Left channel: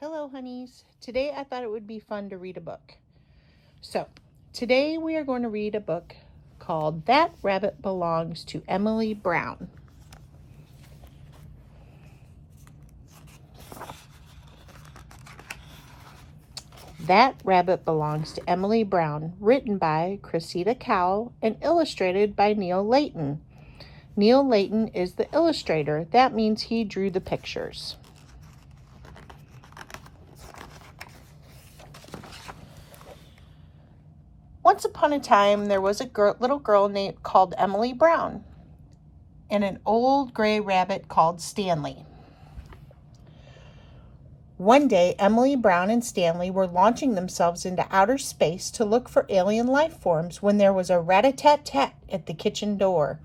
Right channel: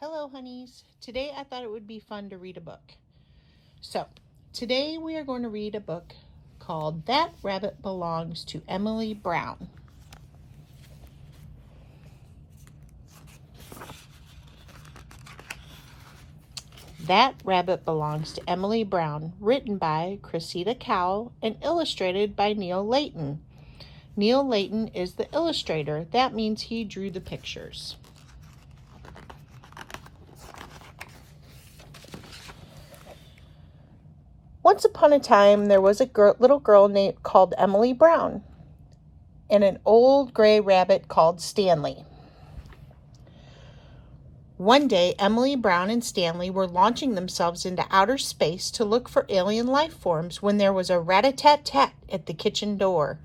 Hello, honeys. Today I thought it would be fun to read a book. So, today we are going to read a book called That Rabbit Belongs to Emily Brown. That Rabbit Belongs to Emily Brown, written by Cressida Cowell and illustrated by Neil Layton. Neil Layton is the illustrator. That means he drew the pictures. Once upon a time, there was a little girl called Emily Brown and an old gray rabbit called Stanley. One day, Emily Brown and Stanley were launching themselves into outer space to look for alien life forms when there was a rat-a-tat-tat at the kitchen door.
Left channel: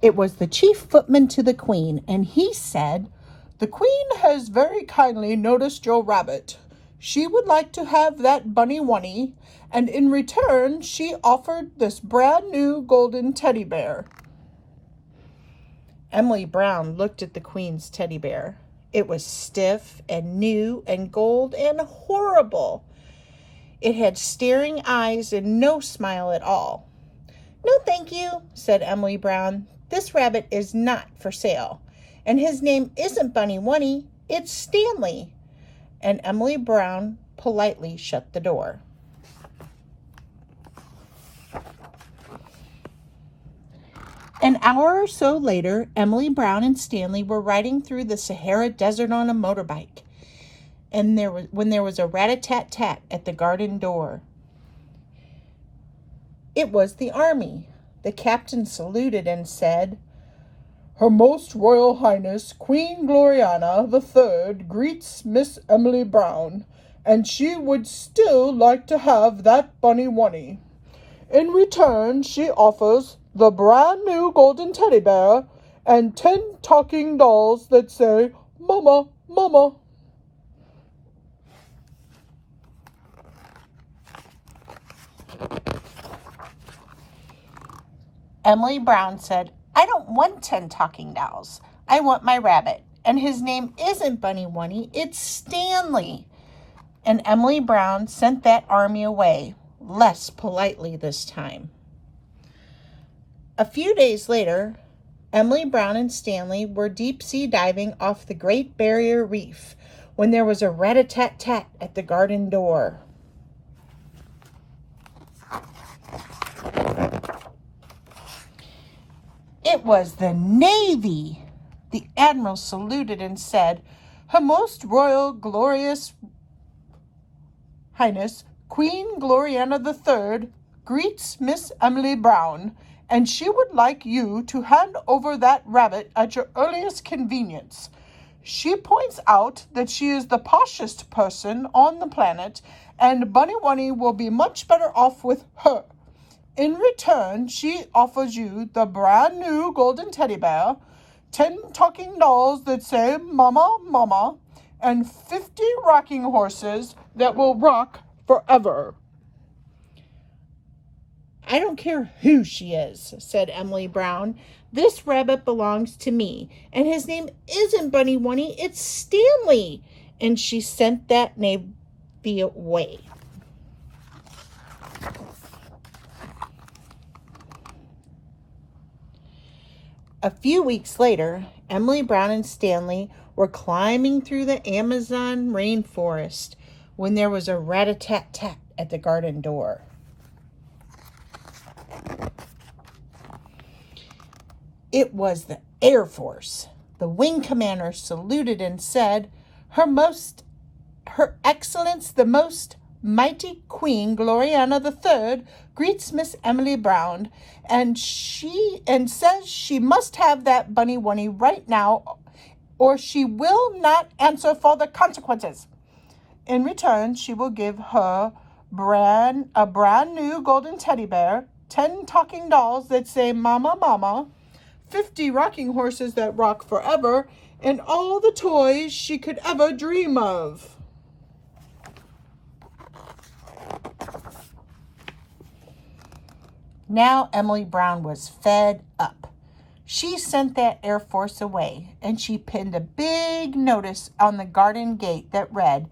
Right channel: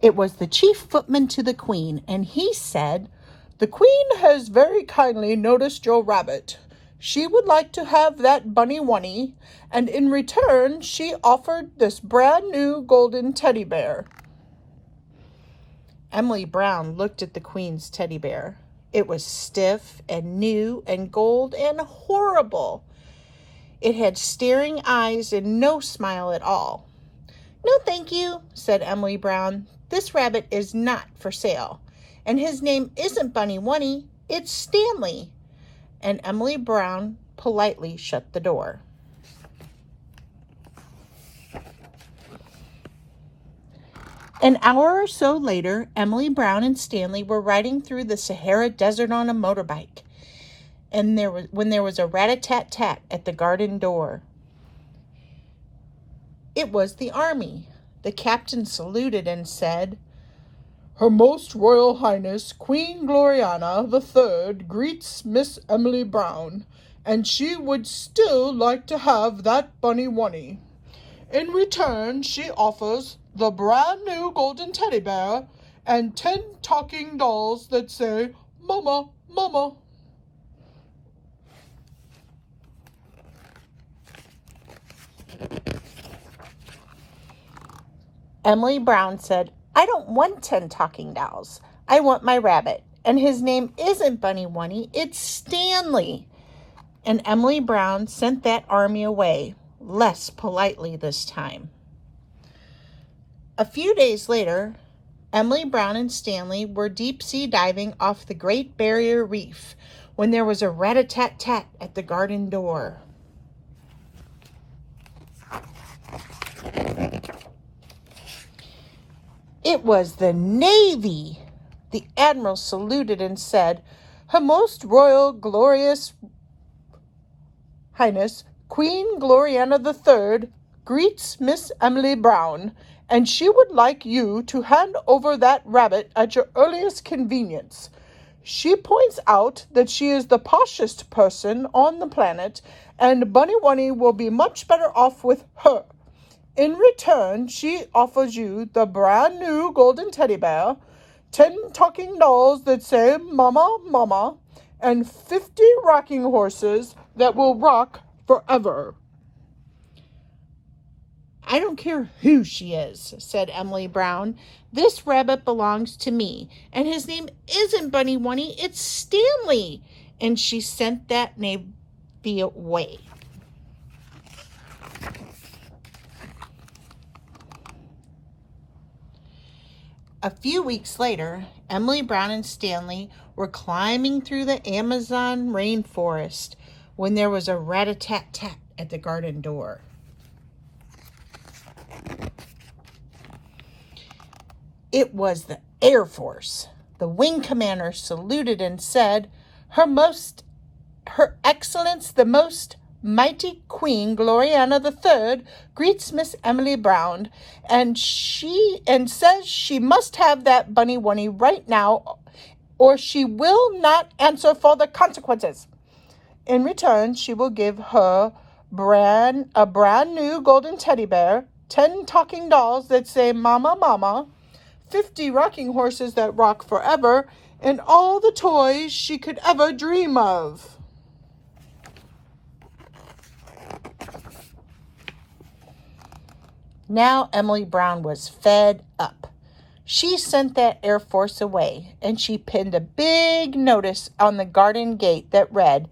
It was the chief footman to the Queen, and he said, "The Queen has very kindly noticed your rabbit. She would like to have that bunny wunny, and in return she offered this brand new golden teddy bear." Emily Brown looked at the Queen's teddy bear. It was stiff and new and gold and horrible. It had staring eyes and no smile at all. "No, thank you," said Emily Brown. "This rabbit is not for sale, and his name isn't Bunny Wunny, it's Stanley." And Emily Brown politely shut the door. An hour or so later, Emily Brown and Stanley were riding through the Sahara Desert on a motorbike, and when there was a rat-a-tat-tat at the garden door. It was the army. The captain saluted and said, "Her Most Royal Highness Queen Gloriana III greets Miss Emily Brown, and she would still like to have that bunny wunny. In return, she offers the brand new golden teddy bear and 10 talking dolls that say, 'Mama, Mama.'" Emily Brown said, "I don't want 10 talking dolls. I want my rabbit, and his name isn't Bunny Wunny, it's Stanley." And Emily Brown sent that army away, less politely this time. A few days later, Emily Brown and Stanley were deep-sea diving off the Great Barrier Reef when there was a rat-a-tat-tat at the garden door. It was the Navy. The Admiral saluted and said, "Her Most Royal Glorious Highness Queen Gloriana III greets Miss Emily Brown, and she would like you to hand over that rabbit at your earliest convenience. She points out that she is the poshest person on the planet, and Bunny Wunny will be much better off with her. In return, she offers you the brand new golden teddy bear, 10 talking dolls that say 'Mama, Mama,' and 50 rocking horses that will rock forever." "I don't care who she is," said Emily Brown. "This rabbit belongs to me, and his name isn't Bunny Wunny, it's Stanley." And she sent that Navy away. A few weeks later, Emily Brown and Stanley were climbing through the Amazon rainforest when there was a rat-a-tat-tat at the garden door. It was the Air Force. The wing commander saluted and said, Her Excellence the Most Mighty Queen Gloriana III greets Miss Emily Brown, and says she must have that bunny wunny right now, or she will not answer for the consequences. In return, she will give her a brand new golden teddy bear, 10 talking dolls that say 'Mama, Mama,' 50 rocking horses that rock forever, and all the toys she could ever dream of." Now Emily Brown was fed up. She sent that Air Force away, and she pinned a big notice on the garden gate that read,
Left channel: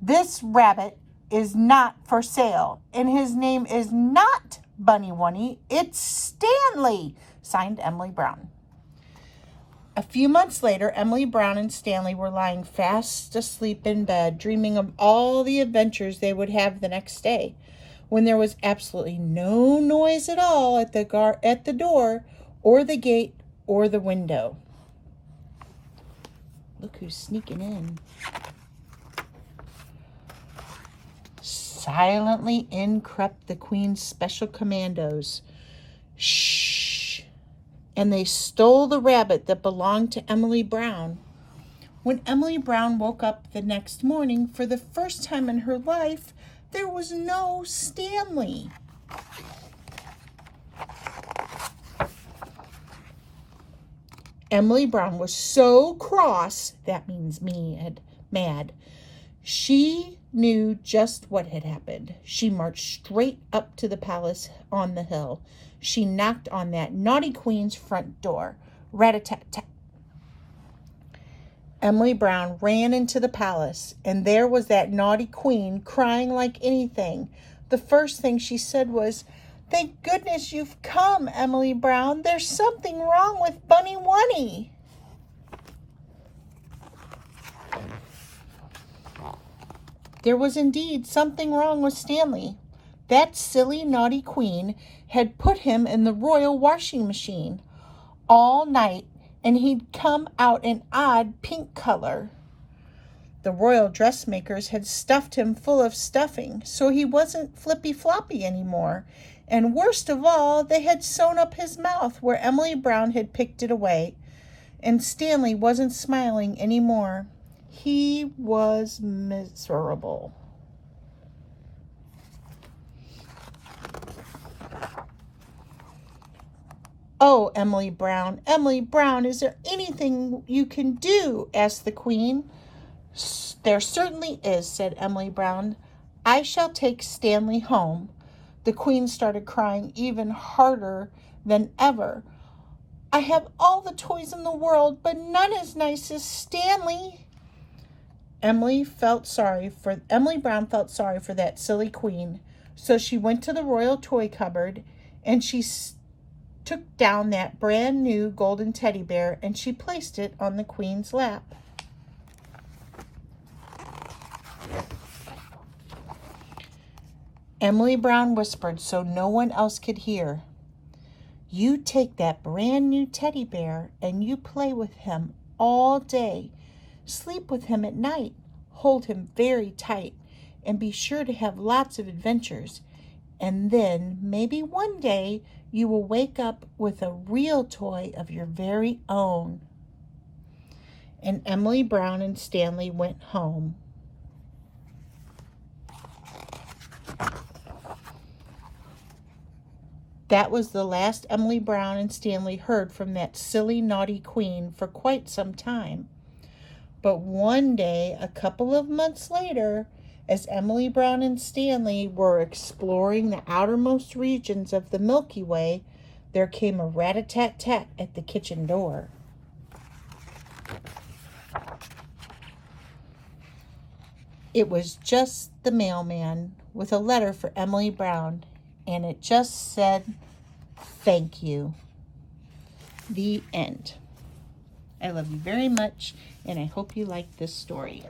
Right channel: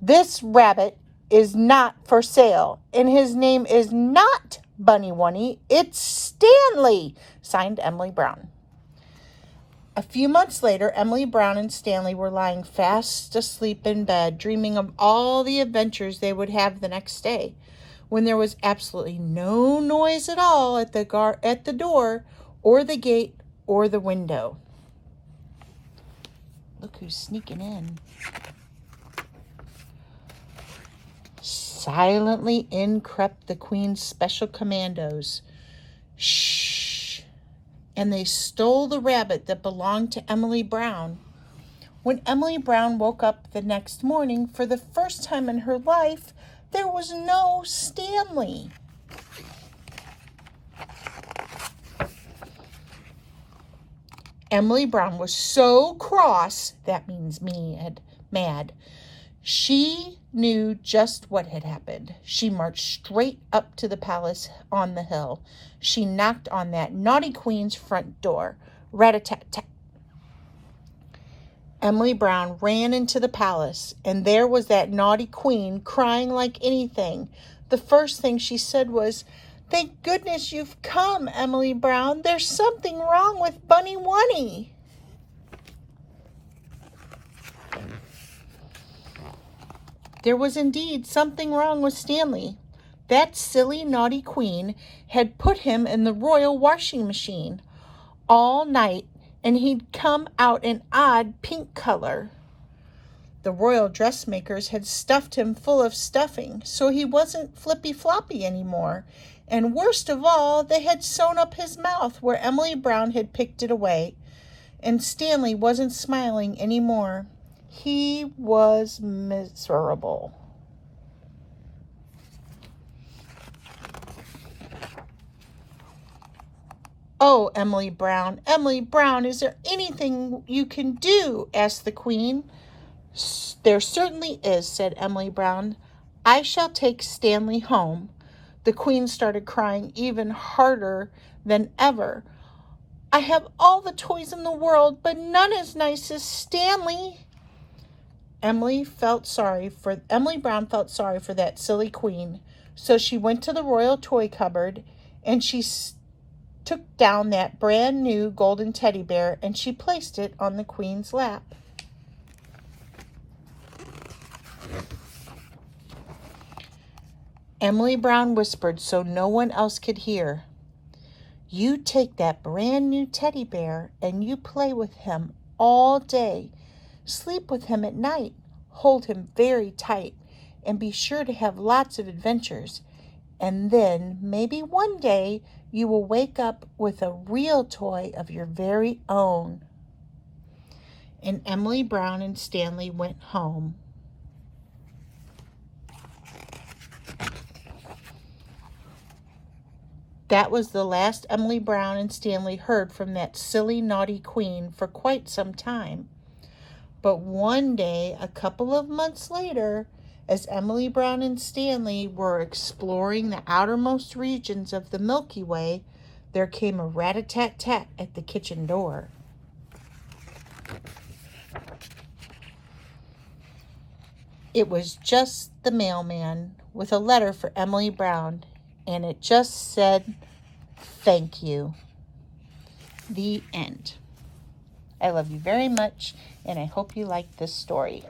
"This rabbit is not for sale, and his name is not Bunny Wunny, it's Stanley," signed Emily Brown. A few months later, Emily Brown and Stanley were lying fast asleep in bed, dreaming of all the adventures they would have the next day, when there was absolutely no noise at all at the door or the gate or the window. Look who's sneaking in. Silently in crept the Queen's special commandos. Shh! And they stole the rabbit that belonged to Emily Brown. When Emily Brown woke up the next morning, for the first time in her life, there was no Stanley. Emily Brown was so cross, that means mad. She knew just what had happened. She marched straight up to the palace on the hill. She knocked on that naughty Queen's front door. Rat-a-tat-tat. Emily Brown ran into the palace, and there was that naughty Queen crying like anything. The first thing she said was, "Thank goodness you've come, Emily Brown. There's something wrong with Bunny Wunny." There was indeed something wrong with Stanley. That silly, naughty Queen had put him in the royal washing machine all night, and he'd come out an odd pink color. The royal dressmakers had stuffed him full of stuffing, so he wasn't flippy-floppy anymore. And worst of all, they had sewn up his mouth where Emily Brown had picked it away. And Stanley wasn't smiling anymore. He was miserable. "Oh, Emily Brown, is there anything you can do?" asked the Queen. "There certainly is," said Emily Brown. "I shall take Stanley home." The Queen started crying even harder than ever. "I have all the toys in the world, but none as nice as Stanley." Emily Brown felt sorry for that silly Queen, so she went to the royal toy cupboard and she took down that brand new golden teddy bear and she placed it on the Queen's lap. Emily Brown whispered so no one else could hear, "You take that brand new teddy bear and you play with him all day. Sleep with him at night, hold him very tight, and be sure to have lots of adventures. And then maybe one day you will wake up with a real toy of your very own." And Emily Brown and Stanley went home. That was the last Emily Brown and Stanley heard from that silly, naughty Queen for quite some time. But one day, a couple of months later, as Emily Brown and Stanley were exploring the outermost regions of the Milky Way, there came a rat-a-tat-tat at the kitchen door. It was just the mailman with a letter for Emily Brown, and it just said, "Thank you." The end. I love you very much, and I hope you liked this story.